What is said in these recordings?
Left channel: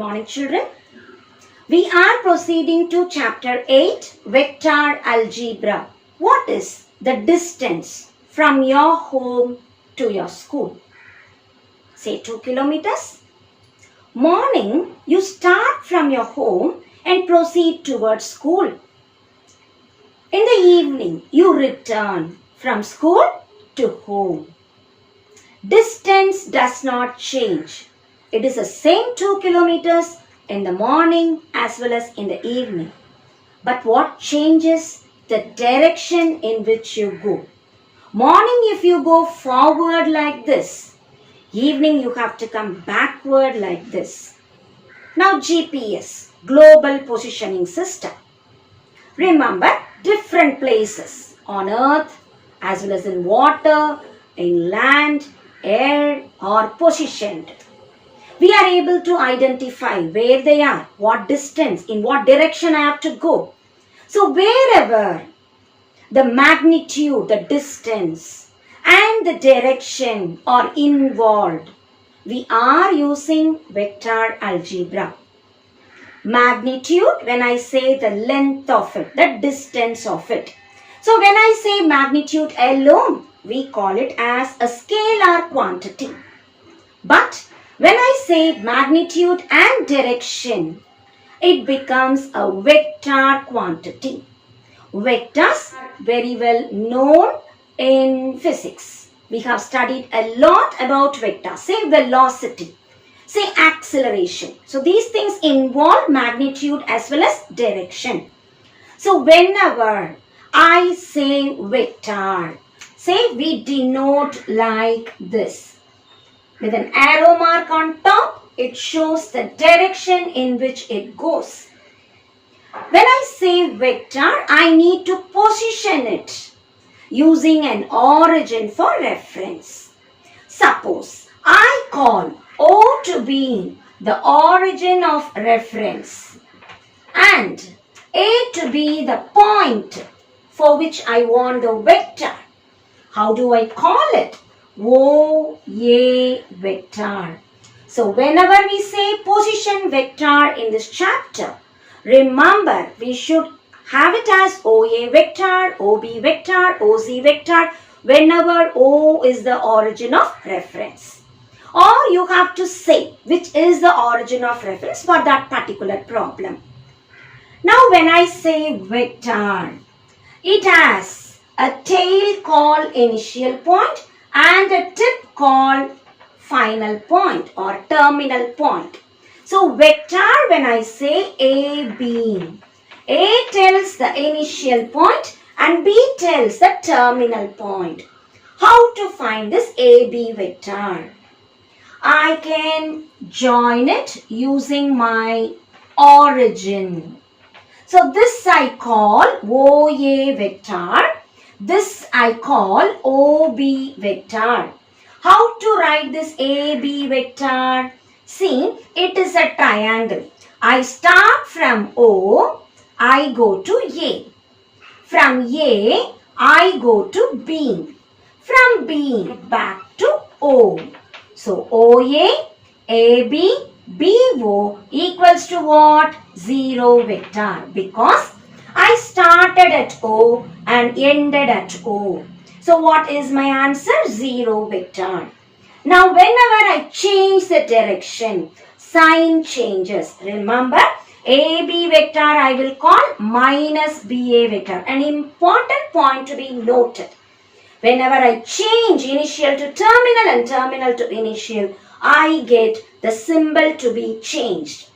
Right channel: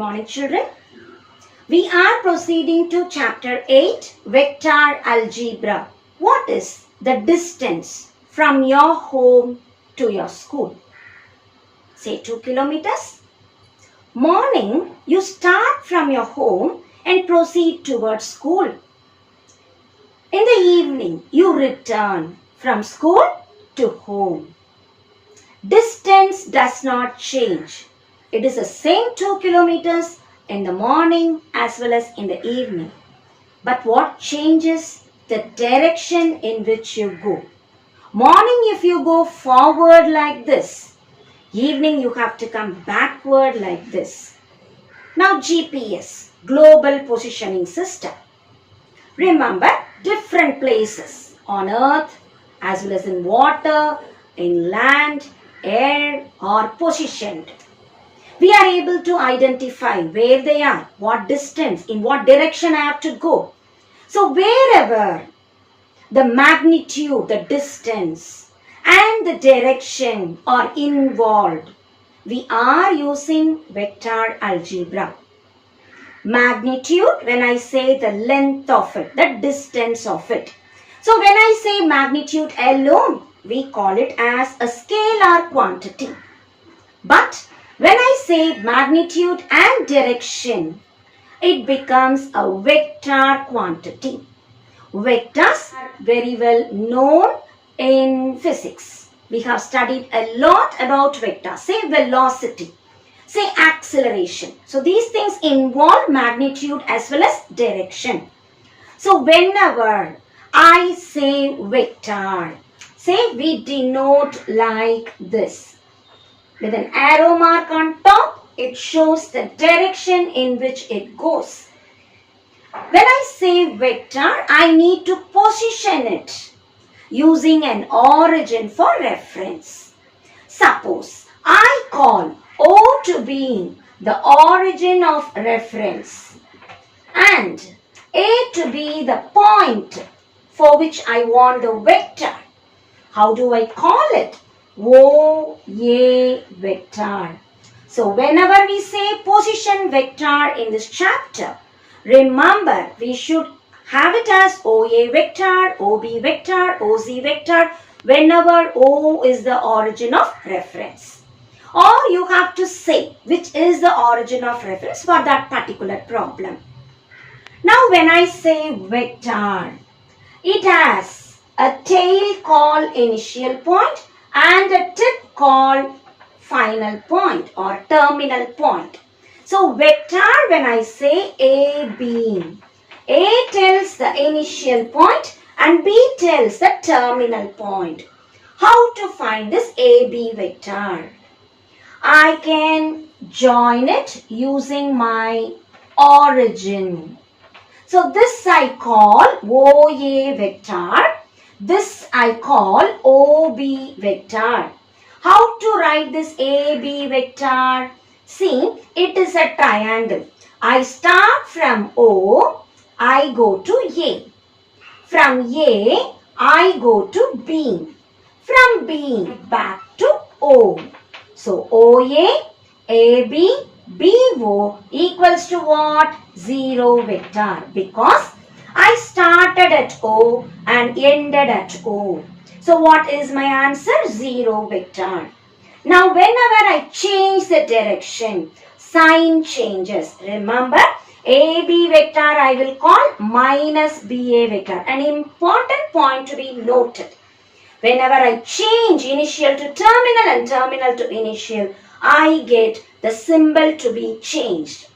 morning, children. We are proceeding to chapter 8, Vector Algebra. What is the distance from your home to your school? Say 2 kilometers. Morning, you start from your home and proceed towards school. In the evening, you return from school to home. Distance does not change. It is the same 2 kilometers in the morning as well as in the evening. But what changes? The direction in which you go. Morning, if you go forward like this, evening you have to come backward like this. Now GPS, Global Positioning System. Remember, different places on earth as well as in water, in land, air are positioned. We are able to identify where they are, what distance, in what direction I have to go. So wherever the magnitude, the distance and the direction are involved, we are using vector algebra. Magnitude, when I say the length of it, the distance of it. So when I say magnitude alone, we call it as a scalar quantity. But when I say magnitude and direction, it becomes a vector quantity. Vectors are very well known in physics. We have studied a lot about vectors. Say velocity, say acceleration. So these things involve magnitude as well as direction. So whenever I say vector, say we denote like this. With an arrow mark on top, it shows the direction in which it goes. When I say vector, I need to position it using an origin for reference. Suppose I call O to be the origin of reference and A to be the point for which I want the vector. How do I call it? OA vector. So whenever we say position vector in this chapter, remember we should have it as OA vector, OB vector, OZ vector whenever O is the origin of reference. Or you have to say which is the origin of reference for that particular problem. Now when I say vector, it has a tail called initial point and a tip called final point or terminal point. So vector, when I say AB, A tells the initial point and B tells the terminal point. How to find this AB vector? I can join it using my origin. So this I call OA vector. This I call OB vector. How to write this AB vector? See, it is a triangle. I start from O, I go to A. From A, I go to B. From B, back to O. So OA, AB, BO equals to what? 0 vector. Because I started at O and ended at O. So what is my answer? 0 vector. Now whenever I change the direction, sign changes. Remember, AB vector I will call minus BA vector. An important point to be noted. Whenever I change initial to terminal and terminal to initial, I get the symbol to be changed.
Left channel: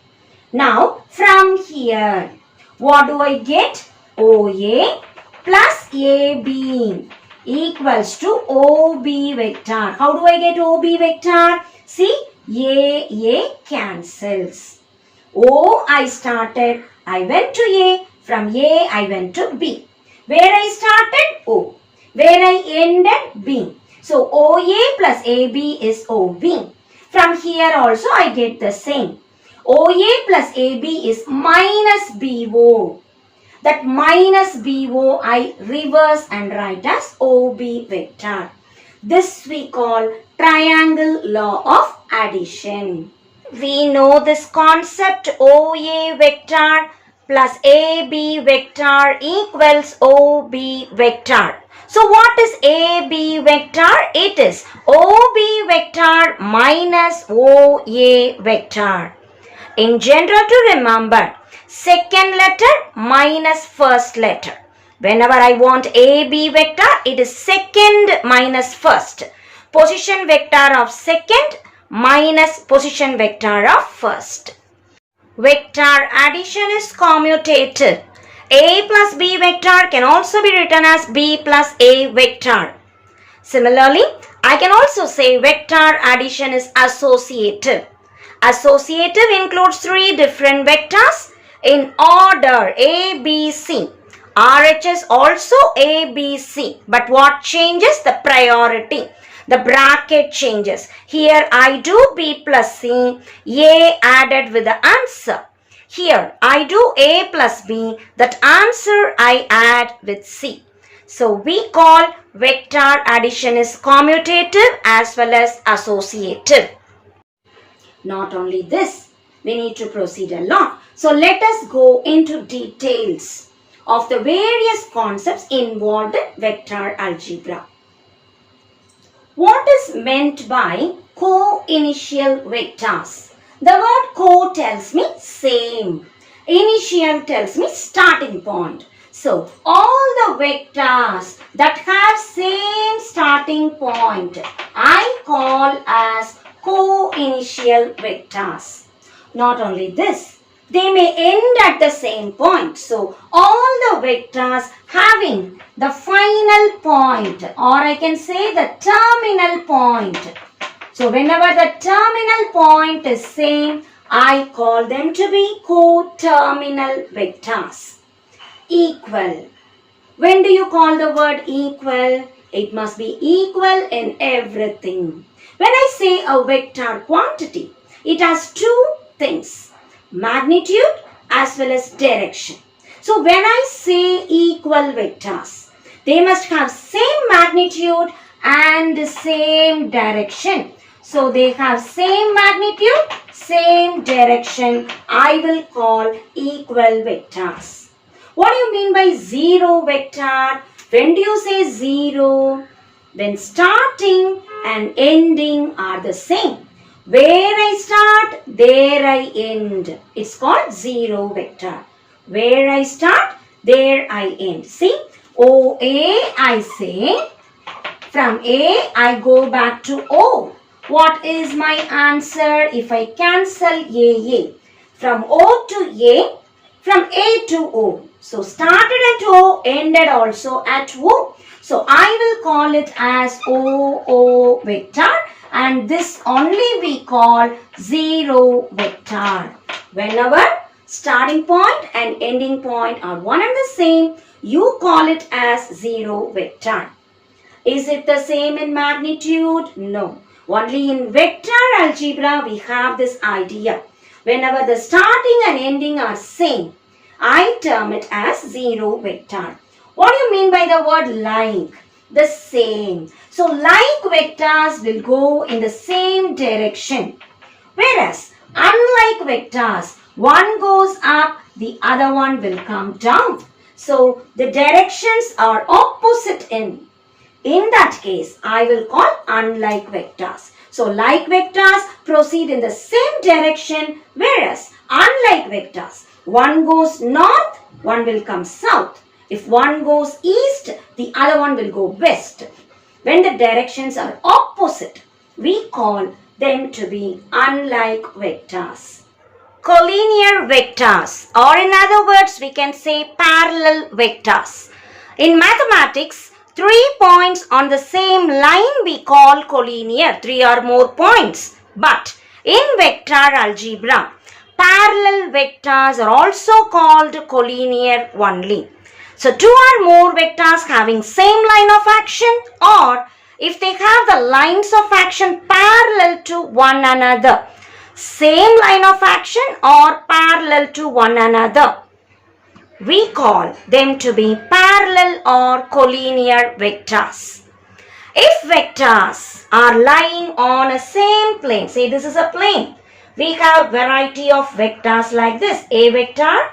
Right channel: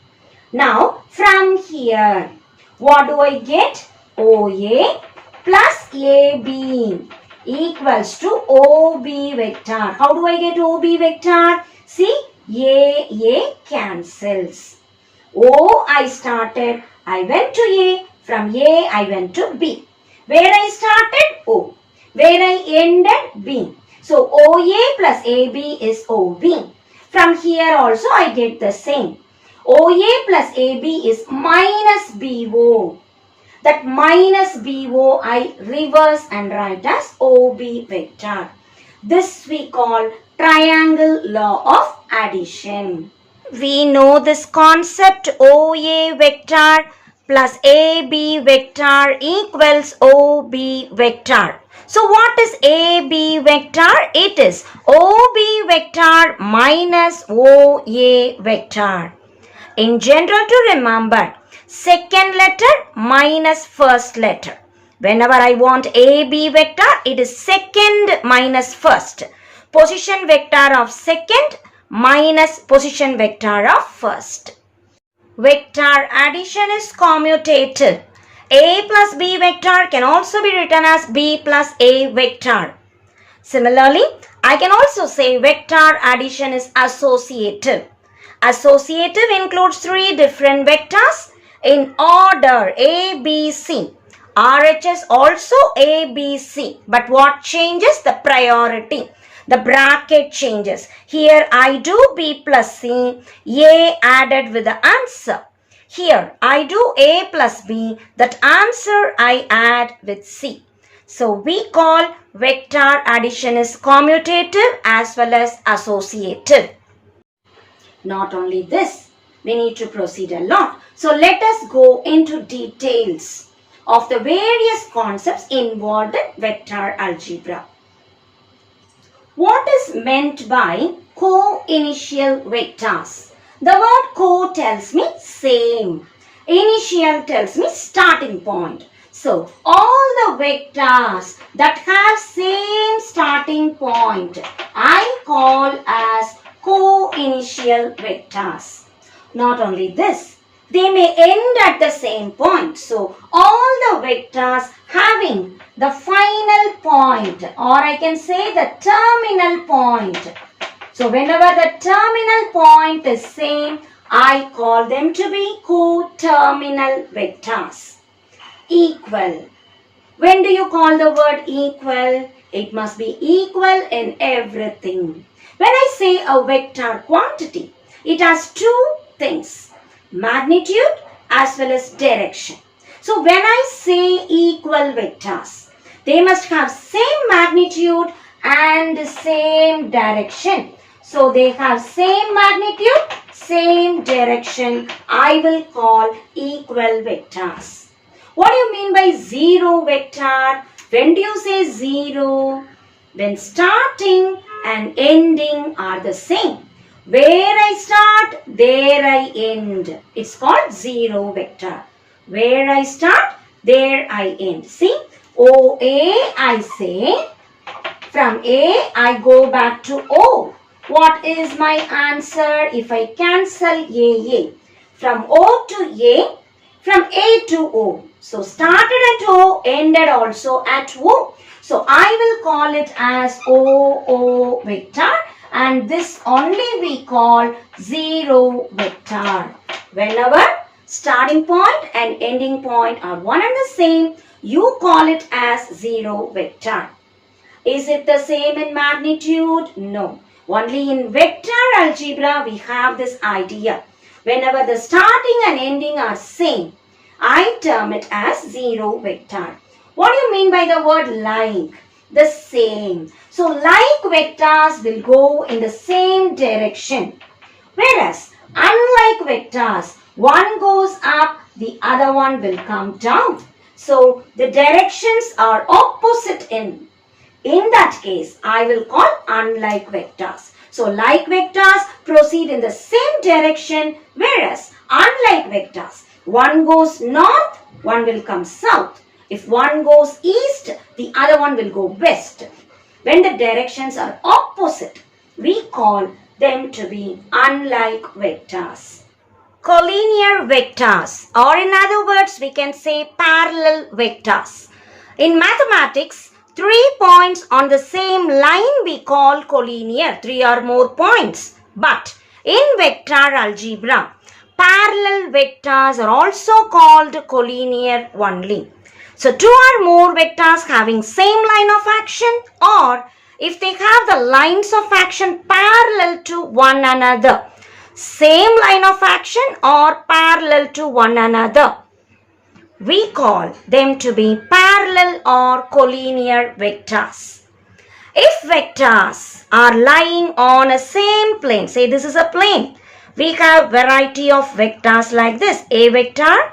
Now from here, what do I get? OA plus AB equals to OB vector. How do I get OB vector? See, A cancels. O I started, I went to A. From A I went to B. Where I started? O. Where I ended? B. So OA plus AB is OB. From here also I get the same. OA plus AB is minus BO. That minus BO I reverse and write as OB vector. This we call triangle law of addition. We know this concept OA vector plus AB vector equals OB vector. So what is AB vector? It is OB vector minus OA vector. In general, to remember, second letter minus first letter. Whenever I want AB vector, it is second minus first. Position vector of second minus position vector of first. Vector addition is commutative. A plus B vector can also be written as B plus A vector. Similarly, I can also say vector addition is associative. Associative includes three different vectors in order A, B, C. RHS also A, B, C. But what changes? The priority. The bracket changes. Here I do B plus C, A added with the answer. Here I do A plus B, that answer I add with C. So we call vector addition is commutative as well as associative. Not only this, we need to proceed a lot. So let us go into details of the various concepts involved in vector algebra. What is meant by co-initial vectors? The word co tells me same. Initial tells me starting point. So all the vectors that have same starting point I call as co-initial vectors. Not only this, they may end at the same point. So all the vectors having the final point, or I can say the terminal point. So whenever the terminal point is same, I call them to be co-terminal vectors. Equal. When do you call the word equal? It must be equal in everything. When I say a vector quantity, it has two things, magnitude as well as direction. So when I say equal vectors, they must have same magnitude and same direction. So they have same magnitude, same direction. I will call equal vectors. What do you mean by zero vector? When do you say zero? When starting and ending are the same. Where I start, there I end. It's called zero vector. Where I start, there I end. See, OA I say, from A I go back to O. What is my answer if I cancel A? From O to A, from A to O. So started at O, ended also at O. So I will call it as OO vector, and this only we call zero vector. Whenever starting point and ending point are one and the same, you call it as zero vector. Is it the same in magnitude? No. Only in vector algebra we have this idea. Whenever the starting and ending are same, I term it as zero vector. What do you mean by the word like? The same. So like vectors will go in the same direction. Whereas unlike vectors, one goes up, the other one will come down. So the directions are opposite in. In that case, I will call unlike vectors. So like vectors proceed in the same direction, whereas unlike vectors, one goes north, one will come south. If one goes east, the other one will go west. When the directions are opposite, we call them to be unlike vectors. Collinear vectors, or in other words, we can say parallel vectors. In mathematics, 3 points on the same line we call collinear, 3 or more points. But in vector algebra, parallel vectors are also called collinear only. So 2 or more vectors having same line of action, or if they have the lines of action parallel to one another, same line of action or parallel to one another, we call them to be parallel or collinear vectors. If vectors are lying on a same plane, say this is a plane, we have variety of vectors like this. A vector,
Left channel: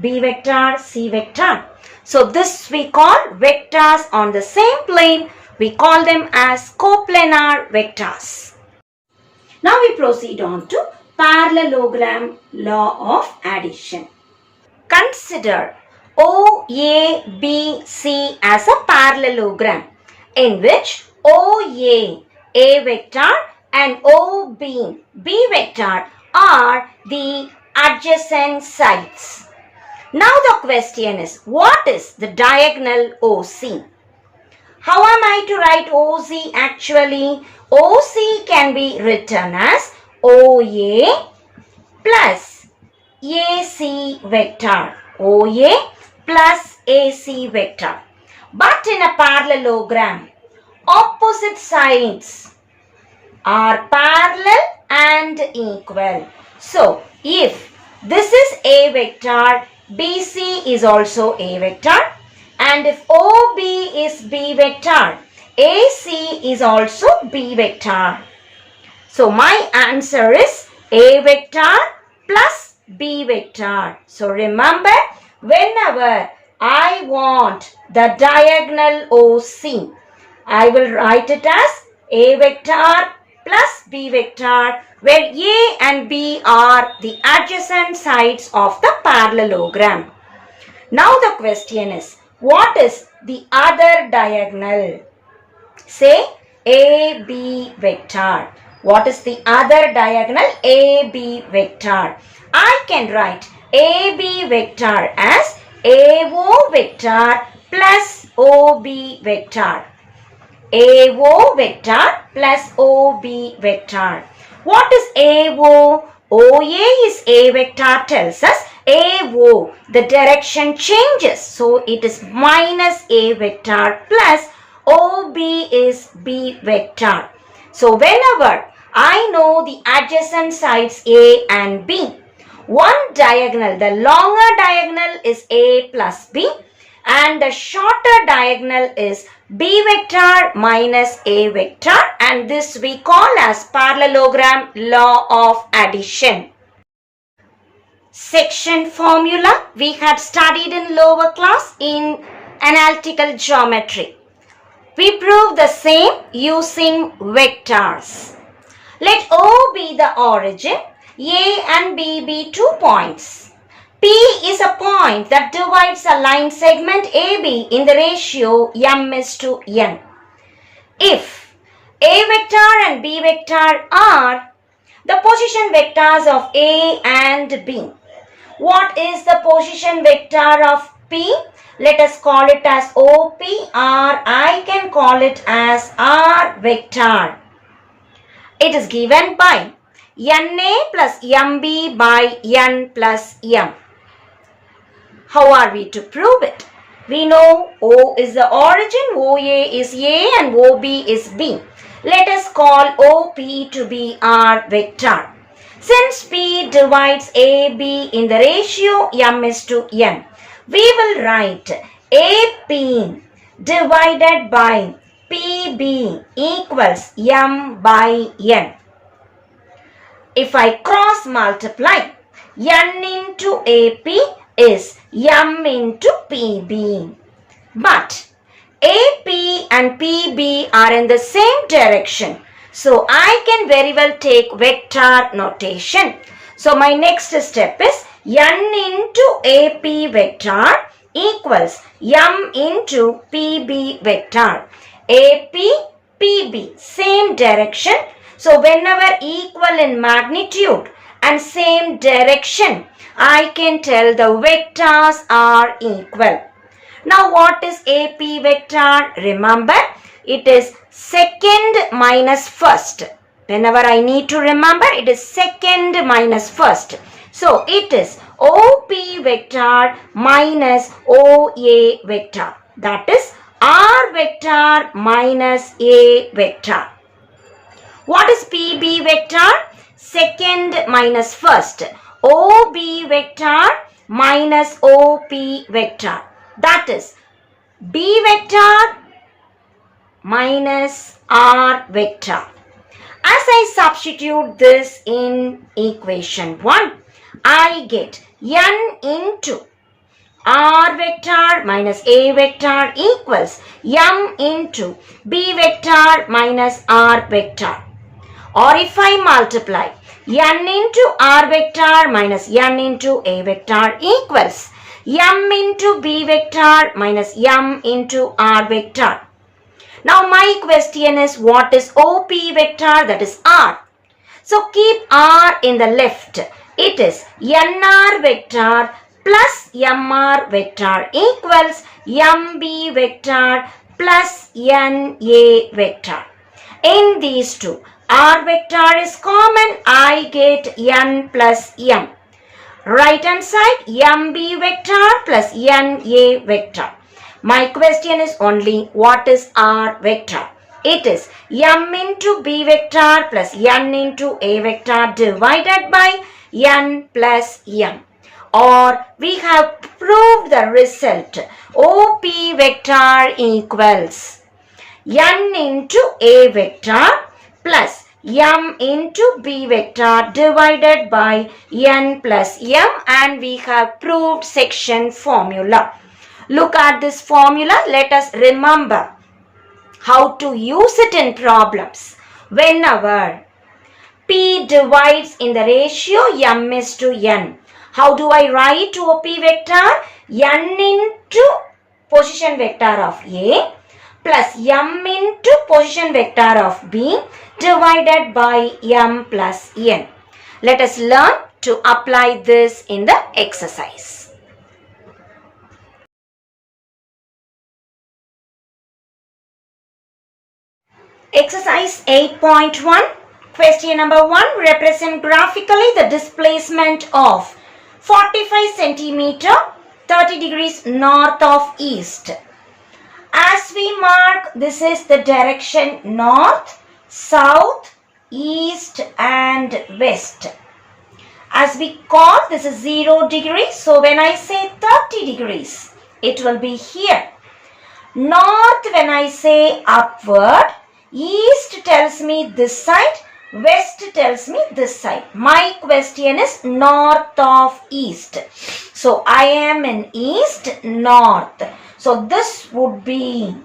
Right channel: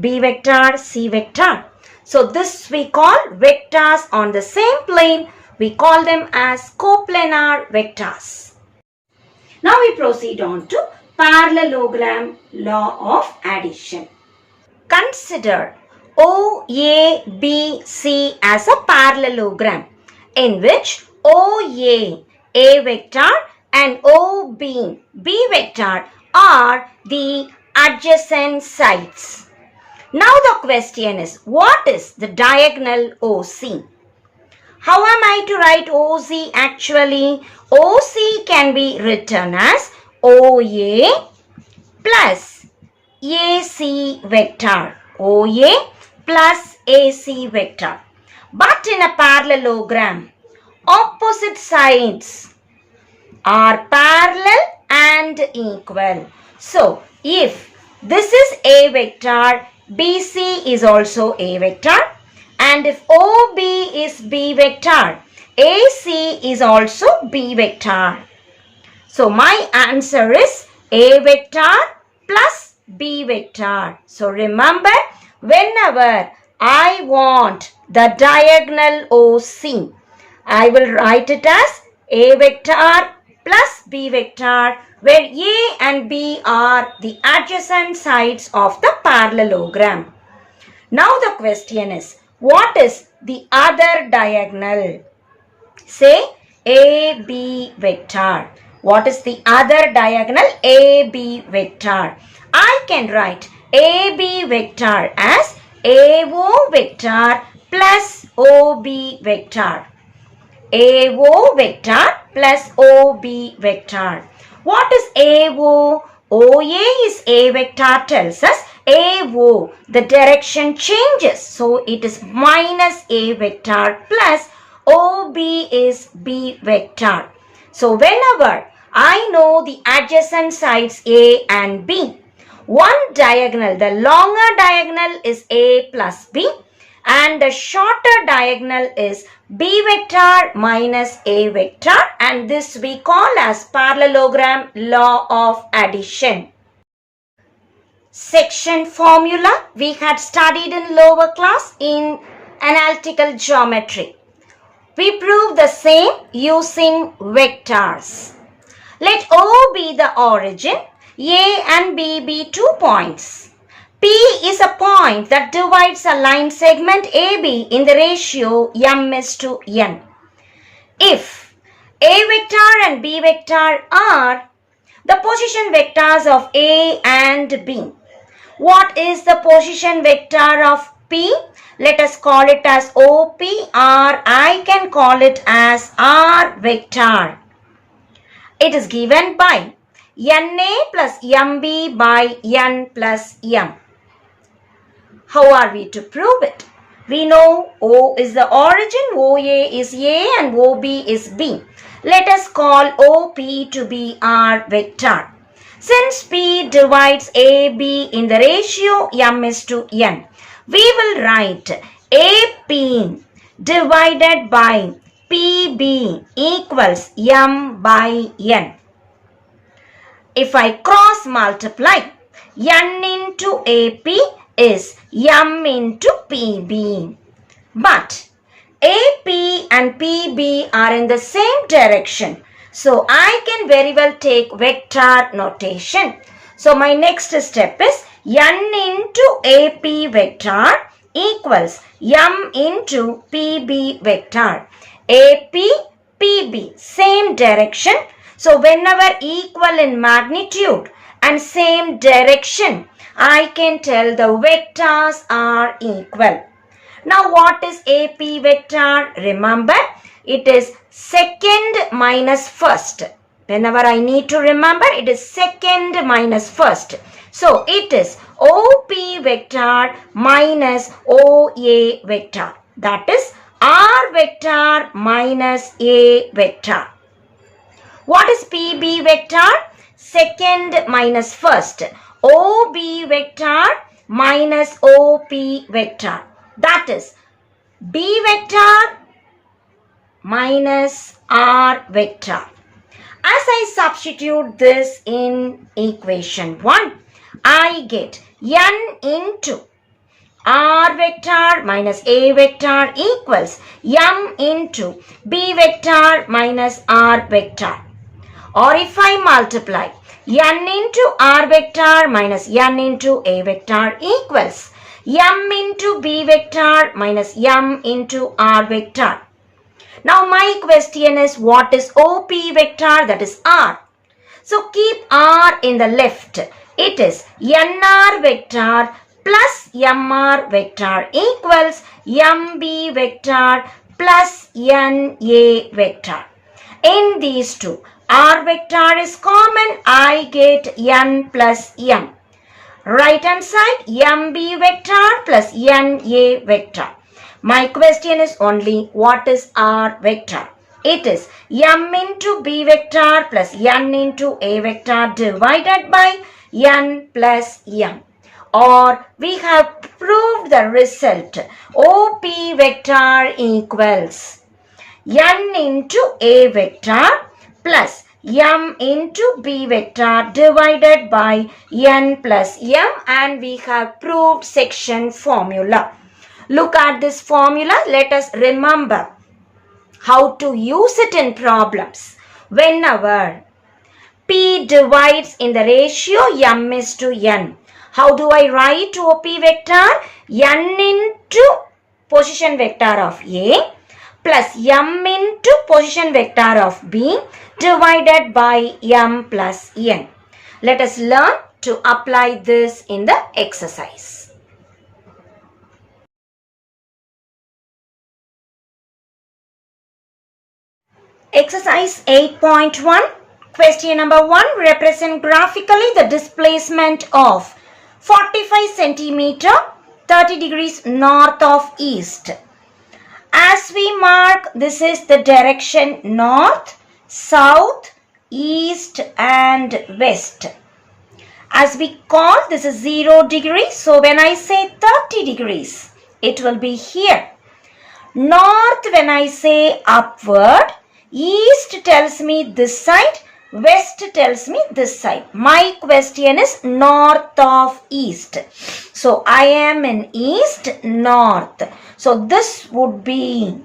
B vector, C vector. So this we call vectors on the same plane. We call them as coplanar vectors. Now we proceed on to parallelogram law of addition. Consider OABC as a parallelogram in which OA, A vector, and OB, B vector are the adjacent sides. Now the question is, what is the diagonal OC? How am I to write OC actually? OC can be written as OA plus AC vector. OA plus AC vector. But in a parallelogram, opposite sides are parallel and equal. So, if this is A vector, BC is also A vector, and if OB is B vector, AC is also B vector. So, my answer is A vector plus B vector. So, remember, whenever I want the diagonal OC, I will write it as A vector plus B vector, where A and B are the adjacent sides of the parallelogram. Now the question is, what is the other diagonal? Say AB vector. What is the other diagonal? AB vector. I can write AB vector as AO vector plus OB vector. AO vector plus OB vector. What is AO? OA is A vector tells us AO, the direction changes. So it is minus A vector plus OB is B vector. So whenever I know the adjacent sides A and B, one diagonal, the longer diagonal is A plus B, and the shorter diagonal is B vector minus A vector, and this we call as parallelogram law of addition. Section formula we had studied in lower class in analytical geometry. We prove the same using vectors. Let O be the origin, A and B be 2 points. P is a point that divides a line segment AB in the ratio m:n. If A vector and B vector are the position vectors of A and B, what is the position vector of P? Let us call it as OP, or I can call it as R vector. It is given by NA plus MB by N plus M. How are we to prove it? We know O is the origin, OA is A and OB is B. Let us call OP to be R vector. Since P divides AB in the ratio m:n, we will write AP divided by PB equals m by n. If I cross multiply, n into AP is m into PB. But AP and PB are in the same direction. So I can very well take vector notation. So my next step is n into AP vector equals m into PB vector. AP, PB, same direction. So whenever equal in magnitude and same direction, I can tell the vectors are equal. Now what is AP vector? Remember, it is second minus first. Whenever I need to remember, it is second minus first. So it is OP vector minus OA vector. That is R vector minus A vector. What is PB vector? Second minus first. OB vector minus OP vector. That is B vector minus R vector. As I substitute this in equation 1, I get n into r vector minus a vector equals m into b vector minus r vector. Or if I multiply n into r vector minus n into a vector equals m into b vector minus m into r vector. Now my question is, what is OP vector? That is r. So keep r in the left. It is nr vector plus mr vector equals mb vector plus na vector. In these two, r vector is common. I get n plus m. Right hand side, mb vector plus na vector. My question is only, what is r vector? It is m into b vector plus n into a vector divided by n plus m. Or we have proved the result. OP vector equals n into a vector plus m into b vector divided by n plus m, and we have proved section formula. Look at this formula. Let us remember how to use it in problems. Whenever P divides in the ratio m is to n, how do I write OP vector? N into position vector of A plus m into position vector of B divided by m plus n. Let us learn to apply this in the exercise. Exercise 8.1. Question number 1. Represent graphically the displacement of 45 centimeter 30 degrees north of east. As we mark, this is the direction north, south, east and west. As we call, this is 0 degrees. So when I say 30 degrees, it will be here. North, when I say upward, east tells me this side, west tells me this side. My question is north of east. So I am in east, north. So this would be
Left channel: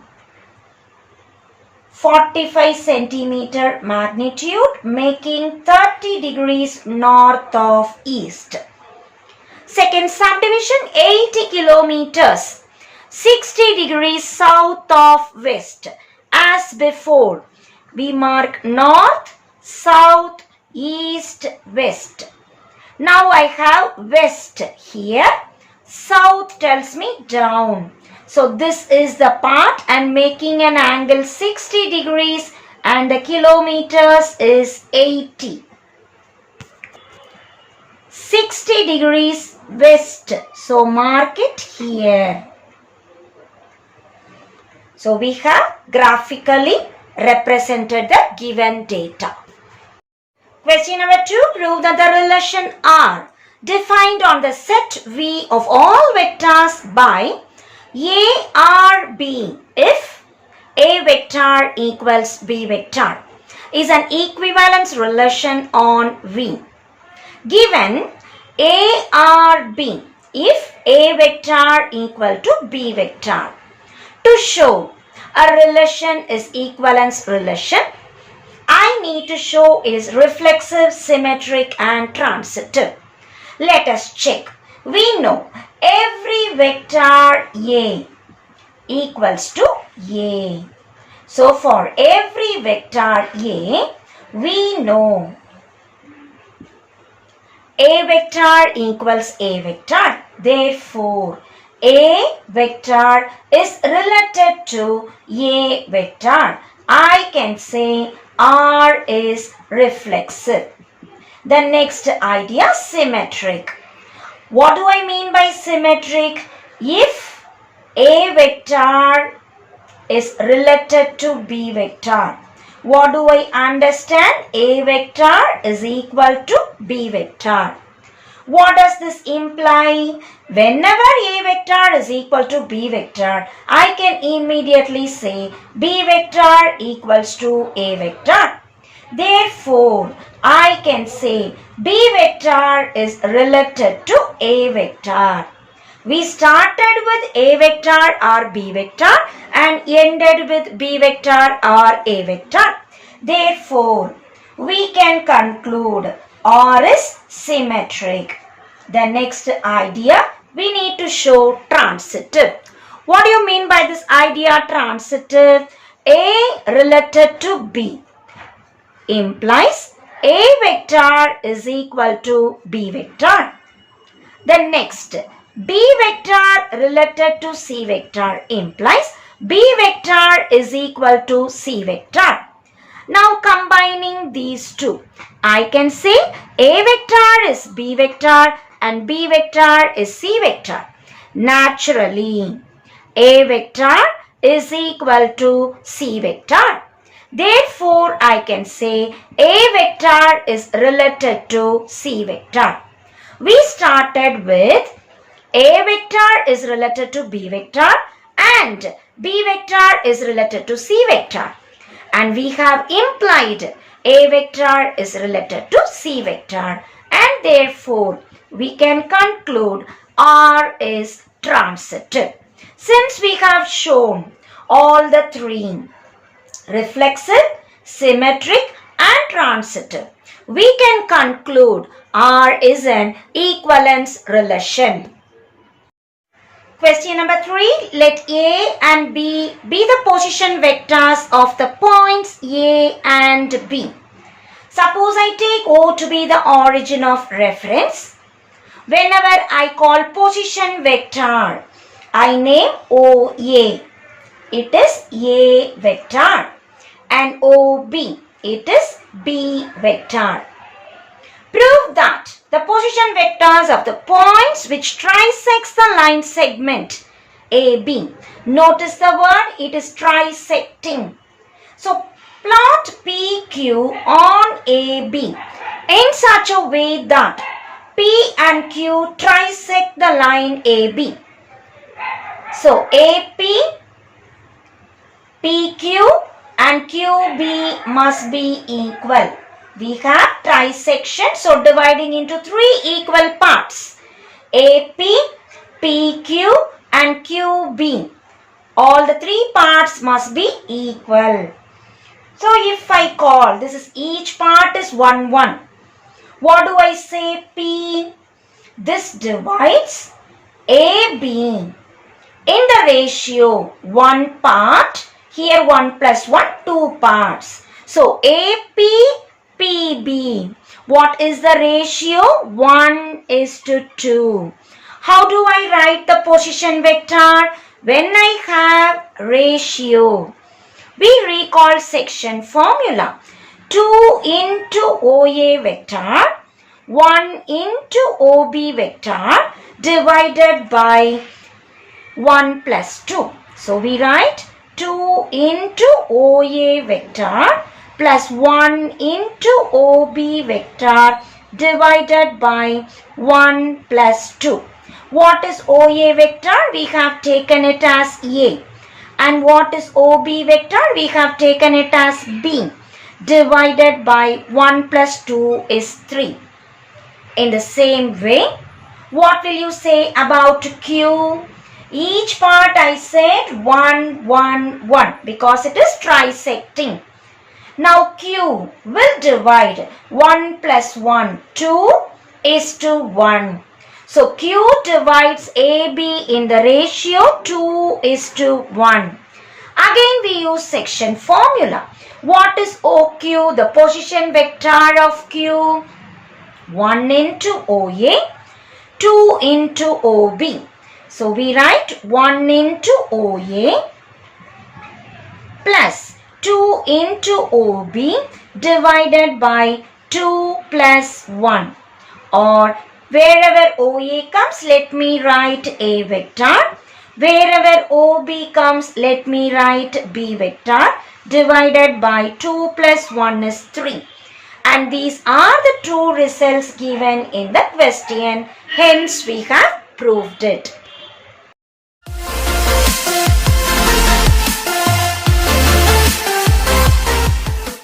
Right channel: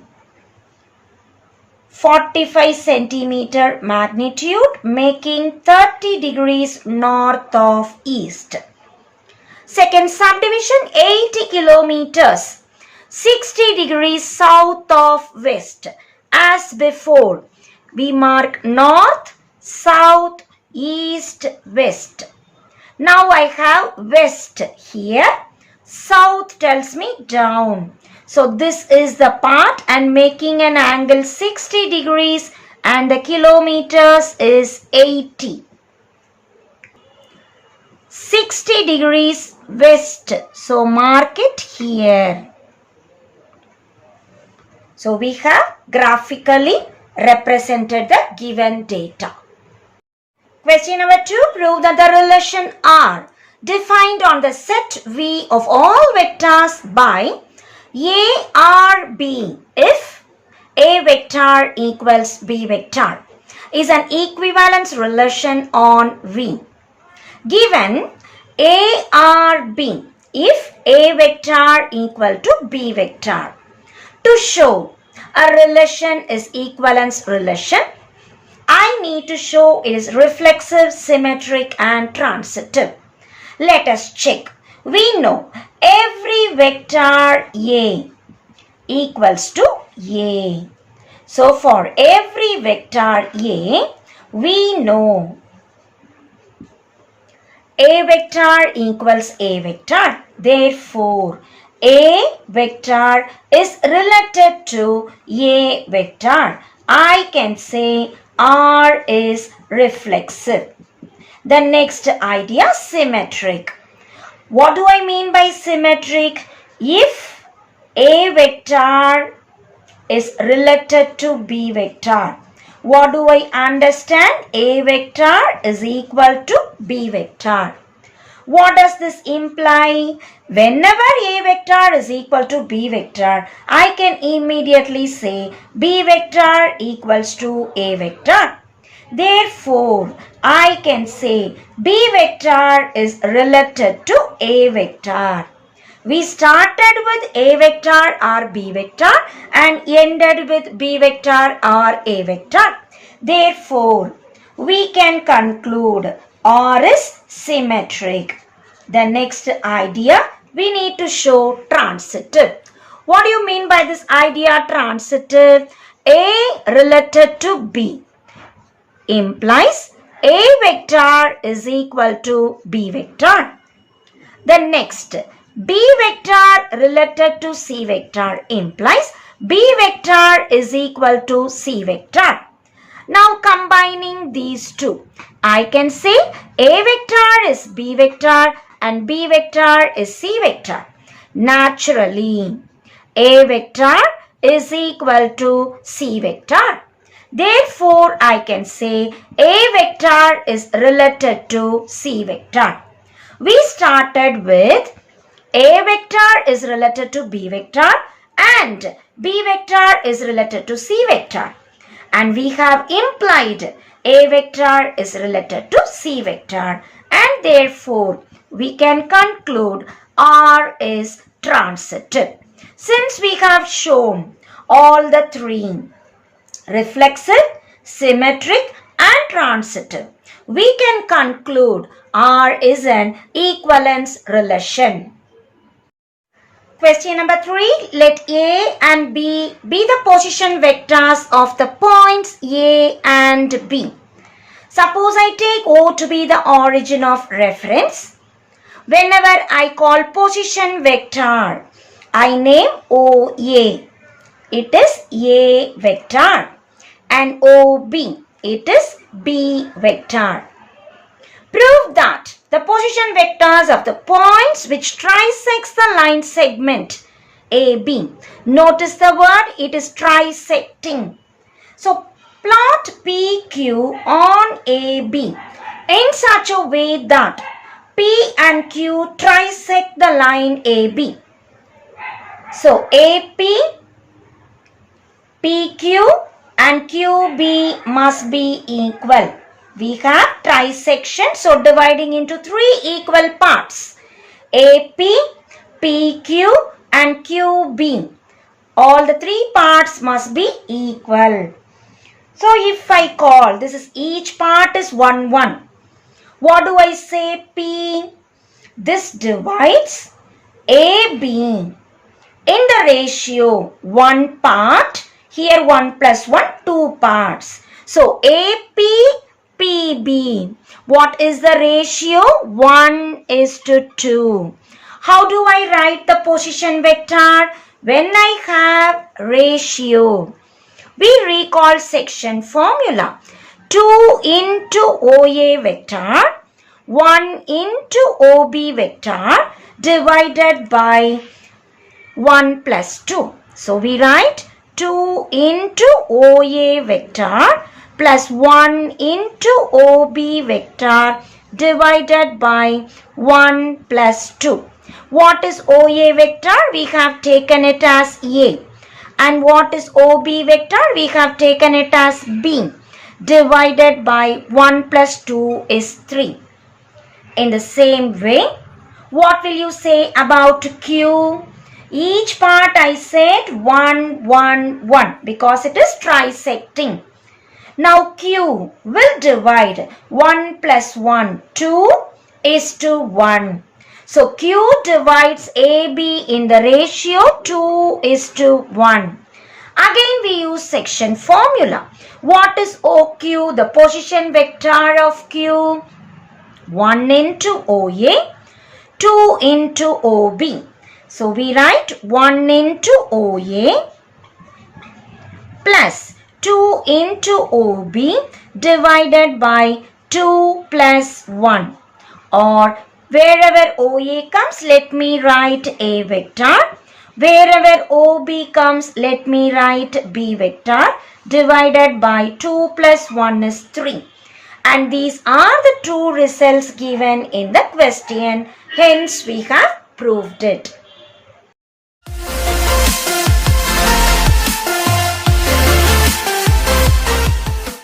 45 centimeter magnitude, making 30 degrees north of east. Second subdivision, 80 kilometers, 60 degrees south of west. As before, we mark north, south, east, west. Now I have west here. South tells me down. So this is the part and making an angle 60 degrees and the kilometers is 80. 60 degrees west. So mark it here. So we have graphically represented the given data. Question number 2. Prove that the relation R defined on the set V of all vectors by A, R, B if A vector equals B vector is an equivalence relation on V. Given A, R, B if A vector equal to B vector. To show a relation is equivalence relation, I need to show is reflexive, symmetric and transitive. Let us check. We know every vector A equals to A. So for every vector A, we know A vector equals A vector. Therefore, A vector is related to A vector. I can say R is reflexive. The next idea, symmetric. What do I mean by symmetric? If A vector is related to B vector, what do I understand? A vector is equal to B vector. What does this imply? Whenever A vector is equal to B vector, I can immediately say B vector equals to A vector. Therefore, I can say B vector is related to A vector. We started with A vector or B vector and ended with B vector or A vector. Therefore, we can conclude R is symmetric. The next idea, we need to show transitive. What do you mean by this idea transitive? A related to B implies A vector is equal to B vector. The next, B vector related to C vector implies B vector is equal to C vector. Now combining these two, I can say A vector is B vector and B vector is C vector. Naturally, A vector is equal to C vector. Therefore, I can say A vector is related to C vector. We started with A vector is related to B vector and B vector is related to C vector. And we have implied A vector is related to C vector. And therefore, we can conclude R is transitive. Since we have shown all the three, reflexive, symmetric and transitive, we can conclude R is an equivalence relation. Question number 3. Let A and B be the position vectors of the points A and B. Suppose I take O to be the origin of reference. Whenever I call position vector, I name OA. It is A vector. And OB, it is B vector. Prove that the position vectors of the points which trisects the line segment AB. Notice the word, it is trisecting. So plot PQ on AB in such a way that P and Q trisect the line AB. So AP, PQ and QB must be equal. We have trisection, so dividing into 3 equal parts. AP, PQ and QB. All the 3 parts must be equal. So if I call, this is each part is 1, 1. What do I say? P. This divides AB in the ratio 1 part. Here 1 plus 1, 2 parts. So AP, PB. What is the ratio? 1:2. How do I write the position vector? When I have ratio, we recall section formula. 2 into OA vector, 1 into OB vector divided by 1 plus 2. So we write 2 into OA vector plus 1 into OB vector divided by 1 plus 2. What is OA vector? We have taken it as A. And what is OB vector? We have taken it as B. Divided by 1 plus 2 is 3. In the same way, what will you say about Q? Each part I said 1, 1, 1 because it is trisecting. Now Q will divide 1 plus 1, 2:1. So Q divides AB in the ratio 2:1. Again we use section formula. What is OQ? The position vector of Q. 1 into OA, 2 into OB. So we write 1 into OA plus 2 into OB divided by 2 plus 1. Or wherever OA comes, let me write A vector. Wherever OB comes, let me write B vector divided by 2 plus 1 is 3. And these are the true results given in the question. Hence, we have proved it.